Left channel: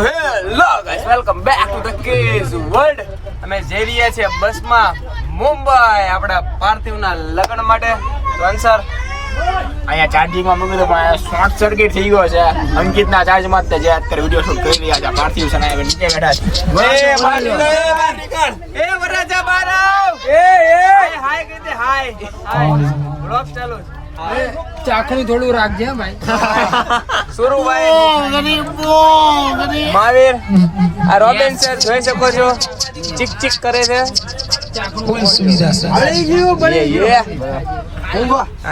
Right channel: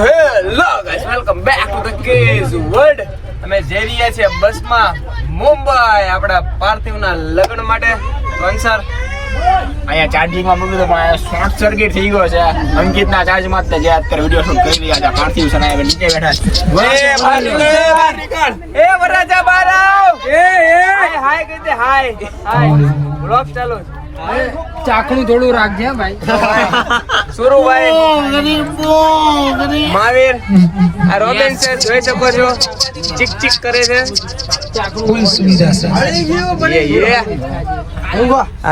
So hello guys, welcome back to the Kez world. અમે જઈ રહ્યા છીએ બસમાં મુંબઈ આપણા પાર્થિવના લગ્ન માટે. તો અંસર અહીંયા ચાર્જિંગમાં મૂકી દો પણ શોર્ટ સર્કિટ થઈ ગયો છે. અંકિતના ચાર્જમાં જ જે અત્યારે વિડીયો શૂટ કરી રહ્યા છે. પાર્થિવ છે ને નીચે બેઠા છે. એ વરાજા બારાવ હાય હાય કહી દે, હાય હાય. બ્લોગ ચાલુ ચાકણું થોડું રાખજે ભાઈ. સુરુભાઈ મહાવીર આ રોબિન સર જોઈ શકો છો, ચીક ચીક કરે છે. ફૂલ સુવિધા છે.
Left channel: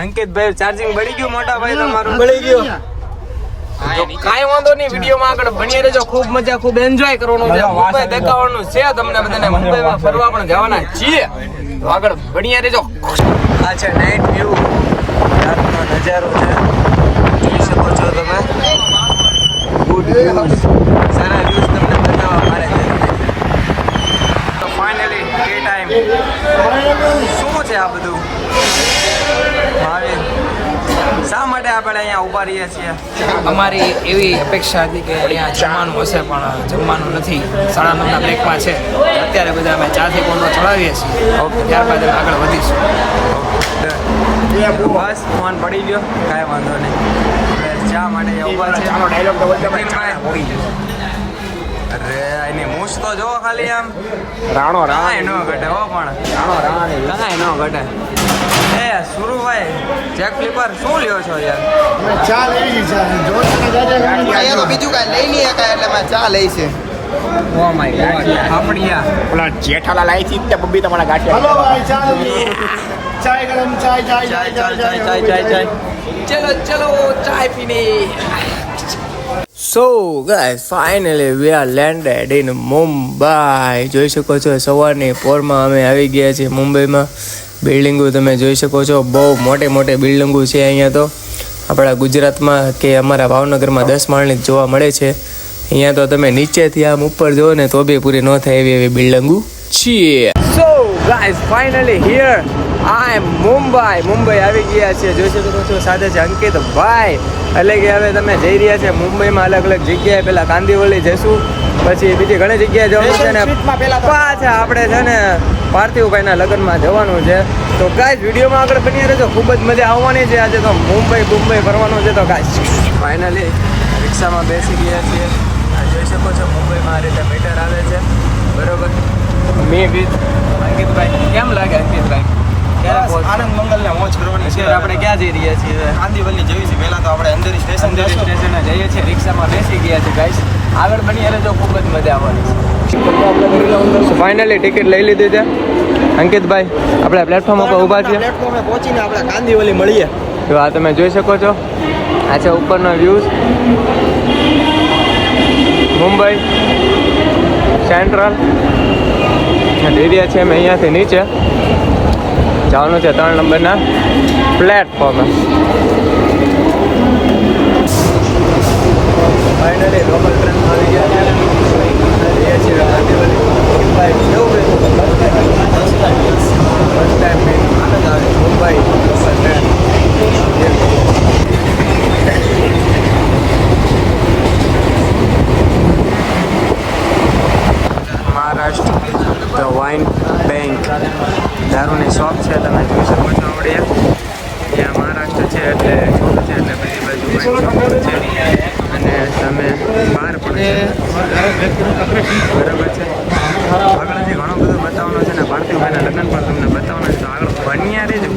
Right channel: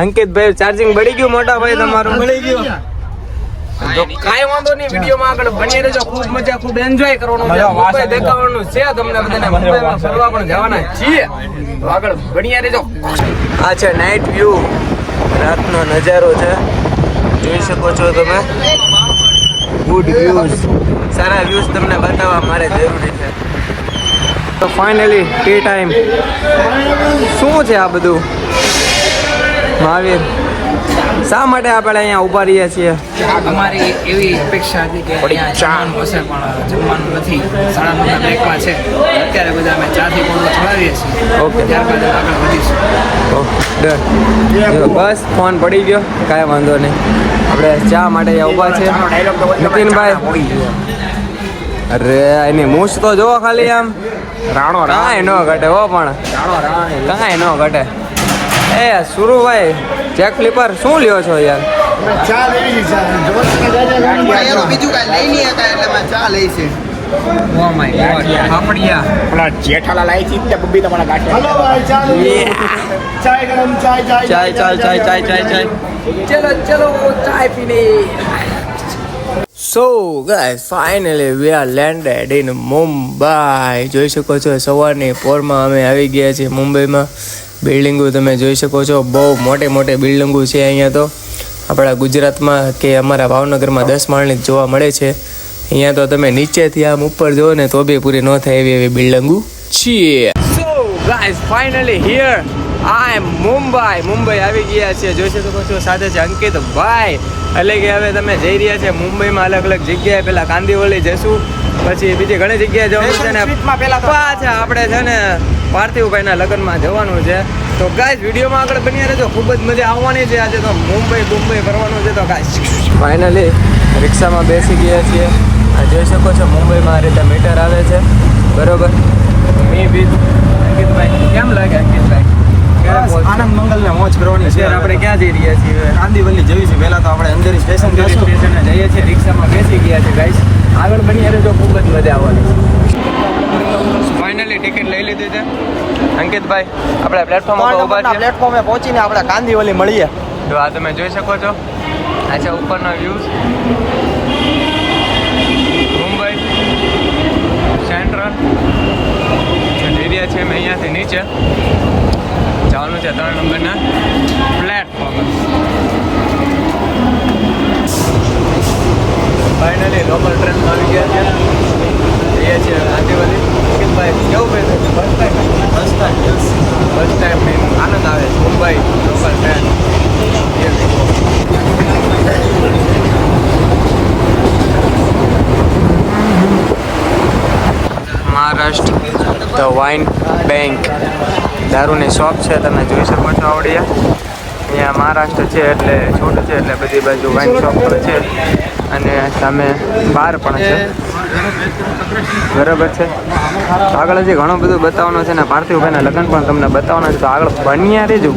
અંકિતભાઈ ચાર્જિંગ બળી ગયું, મોટા ભાઈ તમારું બળી ગયું. તો કાંઈ વાંધો નહીં, વિડીયોમાં આગળ બની રહેજો. ખૂબ મજા, ખૂબ એન્જોય કરવાનું છે. મુંબઈ દેખાવાનું છે તમને બધાને. મુંબઈમાં ફરવા પણ જવાના છીએ, તો આગળ બની રહેજો. આ છે નાઇટ વ્યૂ, રાતનો નજારો છે, જોઈ શકો છો તમે. ગુડ વ્યૂઝ, સારા વ્યૂઝ તમને બતાવવા મારે જરૂરી છે. તો ફાઇનલી ટી ટાઈમ. શું છે આ બધું મહાવીર? શા માટે આપણે અહીંયા ઊભા રહ્યા છીએ? અમારી એવી અપેક્ષા હતી કે અહીંયા જમવાનું હશે પણ જમવાનું નથી. 9:30 બ્રેકમાં છે. અત્યારે બધા અમે 4 થી 5 ચડાવીએ છીએ. ઓકે, ત્યારબાદ આગળ વધીશું. Okay done. ચલો બસ ફોન પડી ગયો, કાંઈ વાંધો નહીં. આપણે ચા માટે અહીંયા ઊભા છે. નીતિનભાઈ, અરે એની મૂછ તો જોવો ખાલી, આમ કાંઈ ન ઘટે હો, પણ કાંઈ ન ઘટે. એ સુરુભાઈ ચેક ફ્લિપર શું લ્યો છો યાર? બીજું કાંઈ લઈ નહીં હતા એટલે મેં ચા લઈ છે. જેઠાલાલ આવી છે ત્યાં બબ્બી તમારા ગાંઠિયા. ચલો ચલો ચાય પીને. સો guys, finally we are landed in Mumbai. જોઈ શકો છો સવારની પોરમાં અમે આવી ગયા છીએ મુંબઈમાં. બિલ્ડિંગો તમે જોઈ શકો છો, બહુ મોટી મોટી બિલ્ડિંગો છે અહીંયા. તો આપણા ગુજરાતમાં કે અમારા ભાવનગરમાં 10 માળની જ જોવા મળે છે. અહીંયા તો તમે નીચેથી આમ ઉપર જુઓ ને તો બી પૂરી ન થાય એવી બિલ્ડિંગો છે. So guys, finally here I am Mumbai. Mumbai આવી ગયા છે, જોઈ શકો છો. સાથે છે અંકિતભાઈ. એટલે કે હવે તમે જઈ રહ્યા છે મુંબઈમાં અલગ અલગ જગ્યાએ. પેલા કાંદીવલી જઈશું, પછી બીજી ઘણી જગ્યાએ જવાનું છે ને પાછા આપણે છે ને પાર્થિવભાઈના લગ્નમાં જવાનું છે. તો ગાઈસ વિડીયોમાં આગળ બની રહેજો, ખૂબ જ મજા આવવાની છે. આજે તો મુંબઈ ફરવાનું છે. તો ગાઈસ ફાઇનલી રિક્ષામાં બેસી ગયા છીએ. આ જોઈ શકો છો મુંબઈમાં આ રીતે મીટર આવે છે, બરોબર. મે બી અંકિતભાઈ કેમ લાગે? અંકિતભાઈ આનંદ મંગલ ને મોજ કરવાની છે. આપણે ક્યાં જઈ રહ્યા છીએ? કાંદીવલી જઈશું. પહેલા તો આપણે અંદર સ્ટેશન જઈશું. સ્ટેશને જઈએ છીએ, રિક્ષામાં બેસી ગયા છે ગાઈસ. આગળ બની રહેજો, ખૂબ જ મજા આવવાની છે. ફાઇનલી ટિકિટ લઈ લીધી છે અંકિતભાઈ. આપણે પ્લેટફોર્મ પર ઊભા છીએ. પ્લેટફોર્મે પહોંચીને આપણે કાંદીવલી મળીએ. તો આ તમે જોઈ શકો છો, આ છે ઉપરનો વ્યૂઝ. મુંબઈ સેન્ટ્રલ એરિયા છે. અમે અહીંયાથી નીચે જવાનું છે 3 નંબરના પ્લેટફોર્મ. ફાઇનલી લોકલ ટ્રેનમાં આવી ગયા છે. એ છે કાંદીવલી. ભાઈ કેવું બેસે છે? બસ ટાઈમ મેં આનંદ આવે. Mumbai local train. Maharashtra the wine bank દારૂની શોપ છે, તમે જોઈ શકો છો. આવડીએ અહીંયા મહારાષ્ટ્ર છે એટલે છોટું છે, એટલે બધી બાજુ વાઇન શોપ પણ છે. અને સામે બાર પણ છે, બરાબર છે. આગળ હજી ઘણું બધું બતાવવાનું છે ને પાર્થિવભાઈના લગ્ન પણ તમને બતાવવાના છે. તો આગળ બન્યા રહેજો.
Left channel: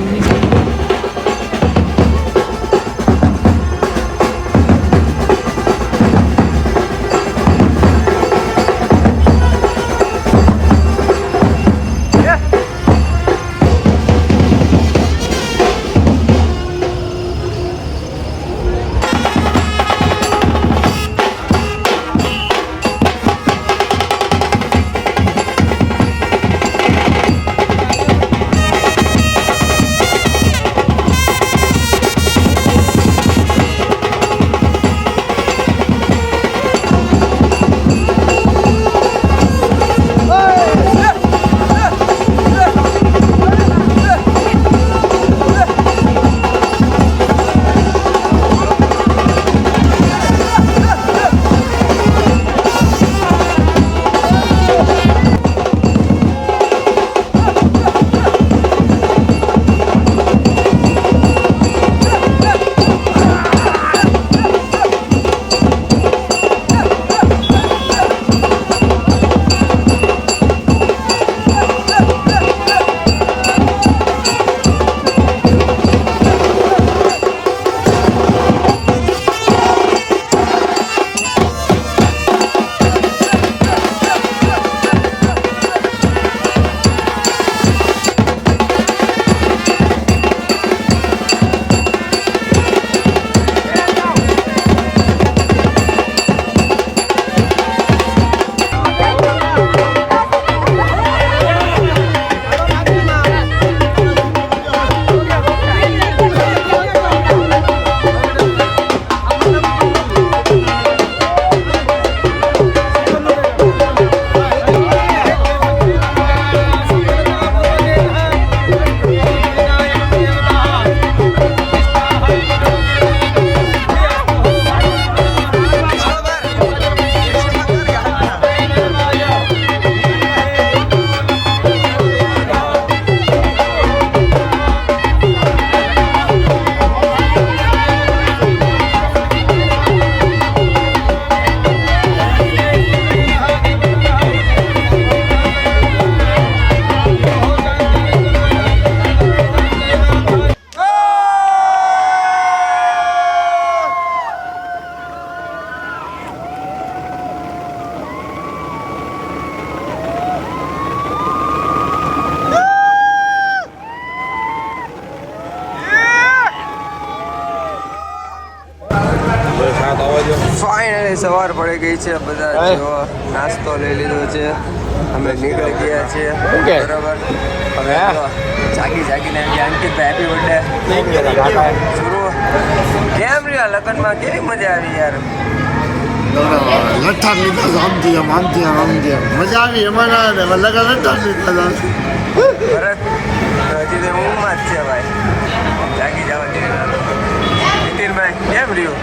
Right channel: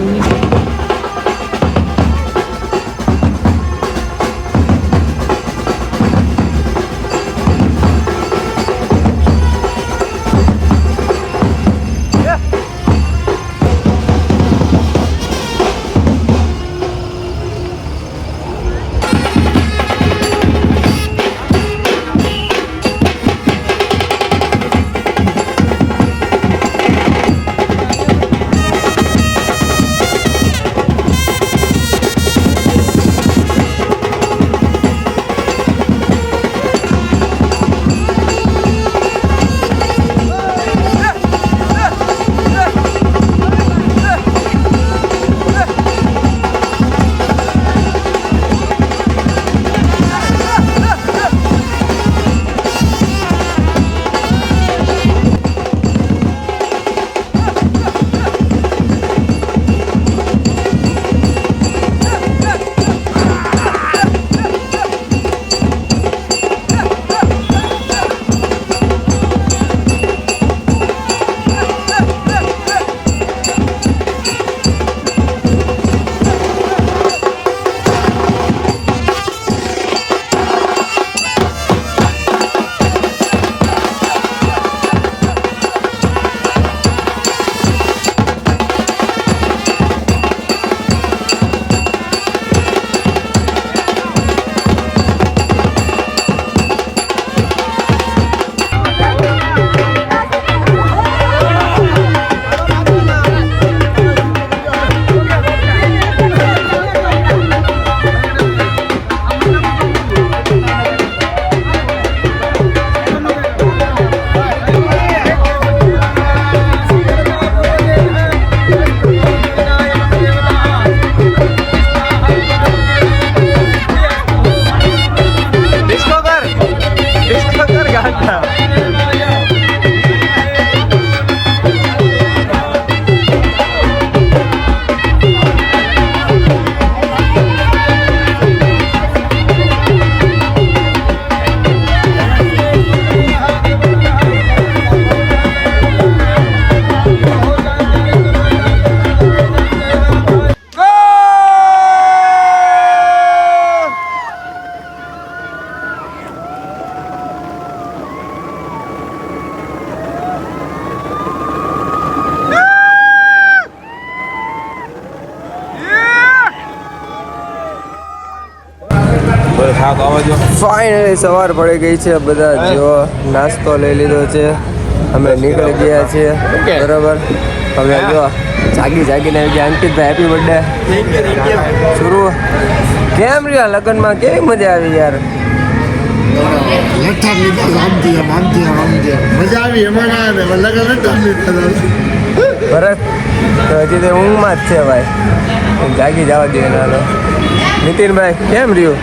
સવાર પડી ગઈ છે, બધા જો નાસ્તો લઈ લીધો છે, અમે નીકળી ગયા છીએ. બરાબર, હવે જો જાગીને આવી ગયા. અંકિતભાઈ હેપી બર્થડે. શરૂ કેમ રહ્યા લગ્નમાં? કેવી મજા આવી યાર? મજા આવી એમાં ભરત તો હજી તે ઊંઘમાં જ છે ભાઈ, જાગી જવા દે નાનો. નીતિનભાઈ કેમ રહ્યું?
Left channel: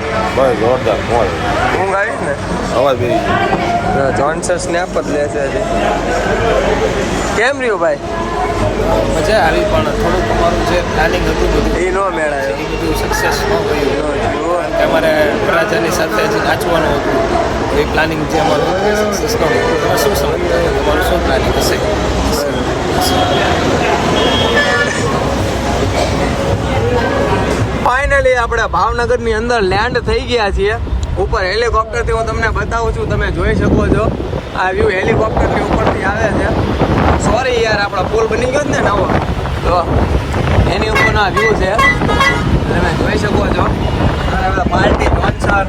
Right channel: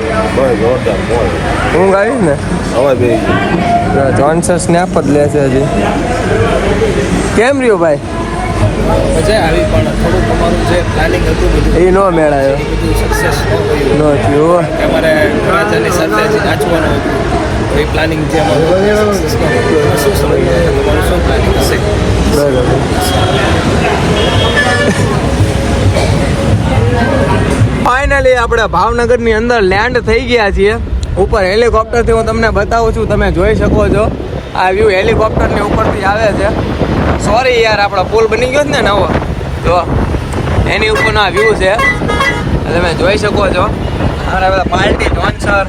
ઊંઘ આવી ને? જોનસન સ્નેપ જ લેશે હજી. કેમ રહ્યું ભાઈ? મજા આવી, પણ થોડુંક અમારું જે પ્લાનિંગ હતું બધું એ નો મેળાયો, એ બધું સક્સેસ ન નો થયું. અમારે રાજાની સાથે જ નાચવાનું હતું, એ પ્લાનિંગ જે અમારું સક્સેસ ન હતું. તમે શું સમજો? તમારું શું પ્લાનિંગ હશે? બરાબર. ફાઇનલી આપણે ભાવનગરની અંદર લેન્ડ થઈ ગયા છીએ. ઉપર હેલિકોપ્ટરથી હું તમને બતાવું છું, તમે જોઈ શકો છો. આ વ્યૂ હેલિકોપ્ટરની ઉપરથી આવે છે. સોરી યાર, આપણો પુલ બની ગયો ને નવો, તો એની ઉપરનો આ વ્યૂ છે, તમે જોઈ શકો છો. અને પાર્ટી જોનસર,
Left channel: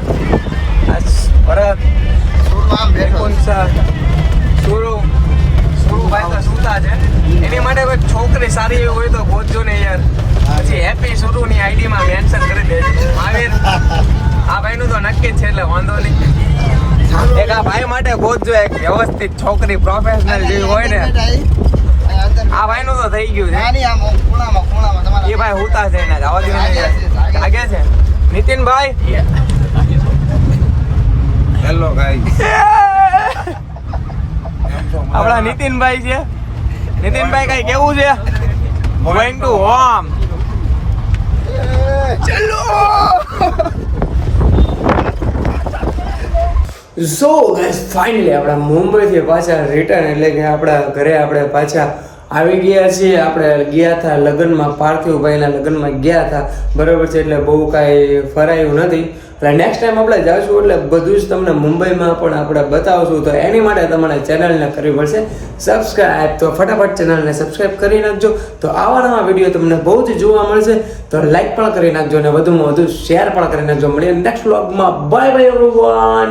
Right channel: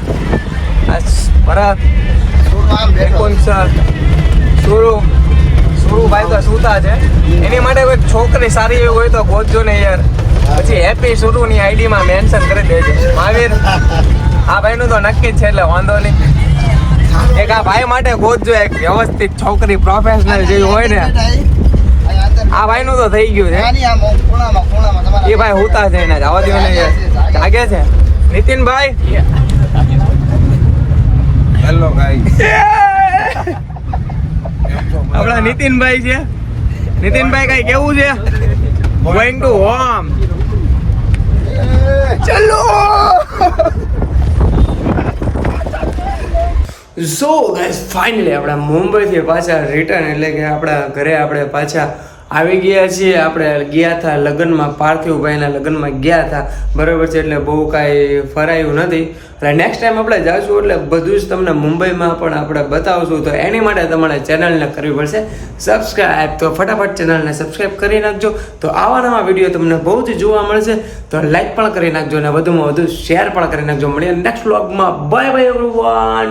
ભરત, નિકુંજ, સુરુભાઈ તો સૂતા છે. એની માટે કોઈ છોકરી સારી એવી હોય તો ગોતજો ને યાર. પછી હેપી સુરુની આઈડીમાં મેન્શન કરી દેજો. મહાવીર, આ ભાઈનું તો નક્કી જ છે, એટલે વાંધો નહીં. એક આ ભાઈ માટે ગોતજો એક વ્યવસ્થિત છોકરી, પ્રોફેશનલ જેવી હોય ને. આ ભાઈનું તો થઈ ગયું છે. એ ભાઈ હુતા છે, એના જવા દો ને યાર. જાગે છે નીતિનભાઈ. Hello guys. આપણા નીતિનભાઈ છે. નીતિનભાઈ કઈ કેવું છે? Going to home. ચલો. સો ગાઈસ, ફાઇનલી આપણા મુંબઈથી પાછા રિટર્ન, એટલે કે આપણા ઘરે આપણે પાછા આવી ગયા છીએ. આપણે ગયા હતા લગ્નમાં, પાર્થિવભાઈના લગ્નમાં ગયા હતા. બરાબર છે, એટલે બહુ કાંઈ ફરાયું નથી. એટલે નેક્સ્ટ ટાઈમ આપણે જઈશું એટલે બધું જ તમને મુંબઈમાં પણ આપણે બતાવશું. તો એની માટે તમારે ચેનલને કરવી પડશે સબસ્ક્રાઈબ. તો ફટાફટ ચેનલને સબસ્ક્રાઈબ કરી નાખજો. તો આવા નવા વિડીયો તમને બહુ જ જોવા મળશે. તો લાઈક પણ કરી નાખજો અને વધુમાં વધુ શેર પણ કરી નાખજો. મળીએ નેક્સ્ટ વ્લોગમાં. Bye bye everyone.